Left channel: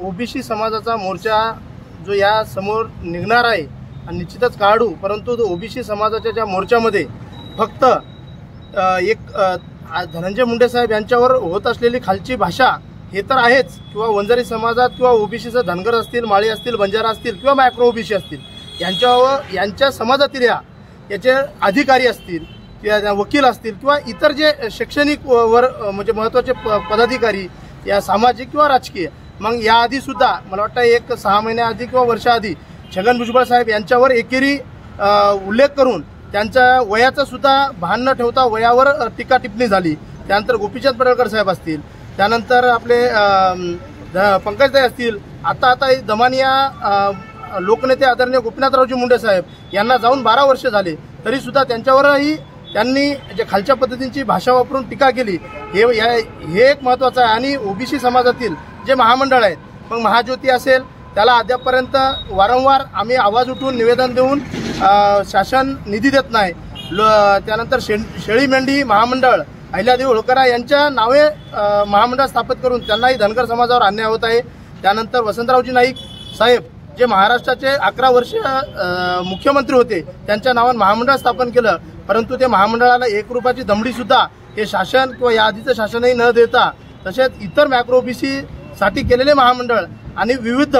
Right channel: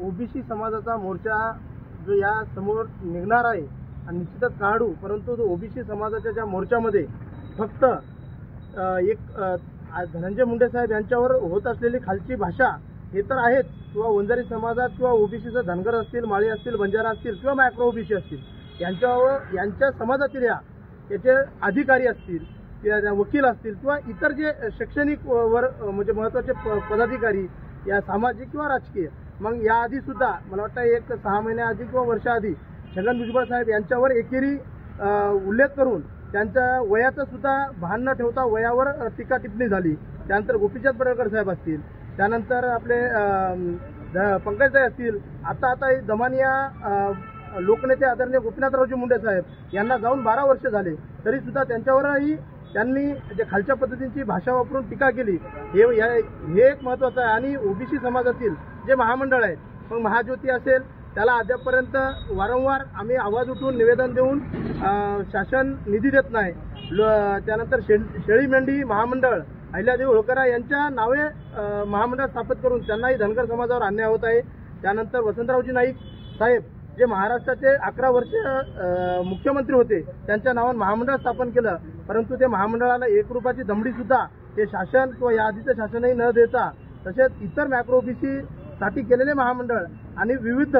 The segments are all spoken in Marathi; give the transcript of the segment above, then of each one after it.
ओबीसी समाजाचा मोर्चा जो या समोर निघणार आहे आणि निश्चितच काढू, परंतु ओबीसी समाजाच्या ज्या मोर्चामध्ये फक्त एक धनंजय मुंडे साहेब यांच्यावर होत असलेली खालची भाषा हे तर आहेच, किंवा वंजारी समाजात किंवा ओबीसीचं धनगर असतील, माळी असतील, बंजारा असतील किंवा मायक्रो ओबीसी असतील यांच्या समाजातील याचे अधिकारी असतील किंवा वकील असतील किंवा इतर जे शैक्षणिक म्हणजे महत्त्वाचे पदाधिकारी या सामाजिक किंवा राजकीय, मग याआधी सुद्धा मला वाटतं एक 6 महिन्याआधी किंवा वर्षाआधी छगन भुजबळ साहेब यांच्यावर एकेरी उल्लेख करून त्यांच्या वयाचं सुद्धा भान न ठेवता वयावर टीका टिप्पणी झाली। त्यानंतर गोपीचंद पडळकर साहेब असतील, त्यानंतर आपले पंकजताई असतील, आता दमानिया लोकनेते आदरणीय गोपीनाथरावजी मुंडे साहेब यांना जाऊन 12 वर्ष झाले, तरी सुद्धा त्यांच्यावरही त्यांनी जे खालच्या पद्धतीची भाषा वापरून टीका केली हे एक महत्त्वाचं आहे। आणि ओबीसी समाजातील जे महामंडळ आहेत, मग महाज्योती असेल त्याला अद्यापपर्यंत वारंवार आम्ही आवाज उठवून निवेदन देऊन शासन निधी देत नाही। त्यानंतर शेळी मेंढी महामंडळ अहिल्यादेवी होळकरा यांच्या नावे महामंडळ स्थापित करून त्यांनाही धनगर समाजावर अन्याय होत आहे। त्यानंतर वसंतरावजी नाईक साहेब जे महाराष्ट्राचे 11 वर्ष मुख्यमंत्री होते, त्यांच्या नावाने महामंडळ स्थापन केलं, परंतु ते महामंडळाला 1 रुपयाची दमडी सुद्धा हे शासन किंवा या आधीचं शासनही न देता, तसेच इतर मॅक्रो ओबीसी साठी केलेले महामंडळ आणि विविध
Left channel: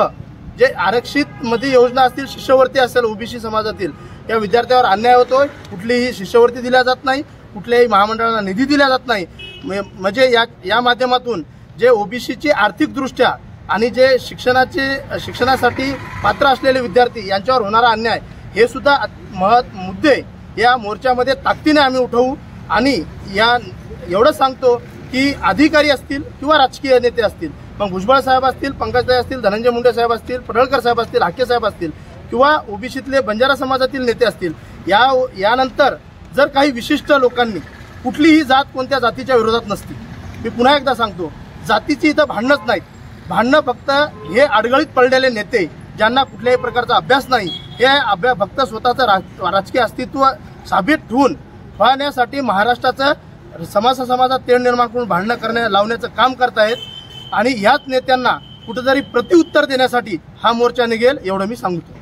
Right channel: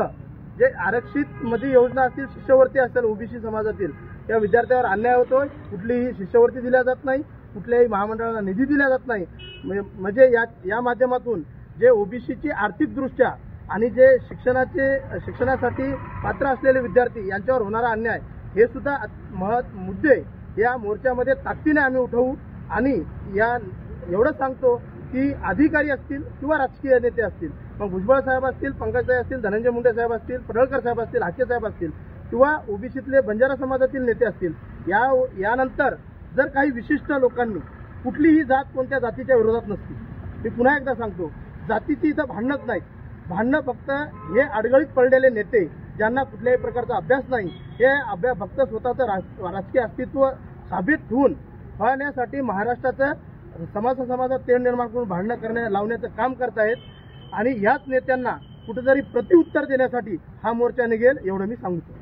जे आरक्षित मध्ये योजना असतील, शिष्यवृत्ती असेल ओबीसी समाजातील, या विद्यार्थ्यावर अन्याय होतोय। कुठलीही शिष्यवृत्ती दिल्या जात नाही, कुठल्याही महामंडळाला निधी दिला जात नाही। म्हणजे या माध्यमातून जे ओबीसीची आर्थिकदृष्ट्या आणि जे शिक्षणासाठी पात्र असलेले विद्यार्थी यांच्यावर होणारा अन्याय हे सुद्धा मुद्दे या मोर्चामध्ये ताकदीने आम्ही उठवू। आणि एवढं सांगतो की अधिकारी असतील किंवा राजकीय नेते असतील, मग भुजबळ साहेब असतील, पंकजताई असतील, धनंजय मुंडे साहेब असतील, पडळकर साहेब असतील, हाके साहेब असतील किंवा ओबीसीतले बंजारा समाजातील नेते असतील, यानंतर जर काही विशिष्ट लोकांनी कुठलीही जात कोणत्या जातीच्या विरोधात नसते, मी पुन्हा एकदा सांगतो, जातीची इथं भांडणच नाहीत, भांडणं फक्त हे अडगळीत पडलेले नेते ज्यांना कुठल्याही प्रकारचा अभ्यास नाही, हे फक्त स्वतःचं राजकीय अस्तित्व साबित ठेवण्यासाठी महाराष्ट्राचं समाजात तेढ निर्माण करून भांडणं लावण्याचं काम करतायत। आणि ह्याच नेत्यांना कुठेतरी प्रत्युत्तर देण्यासाठी हा मोर्चा निघेल, एवढं मी सांगतो।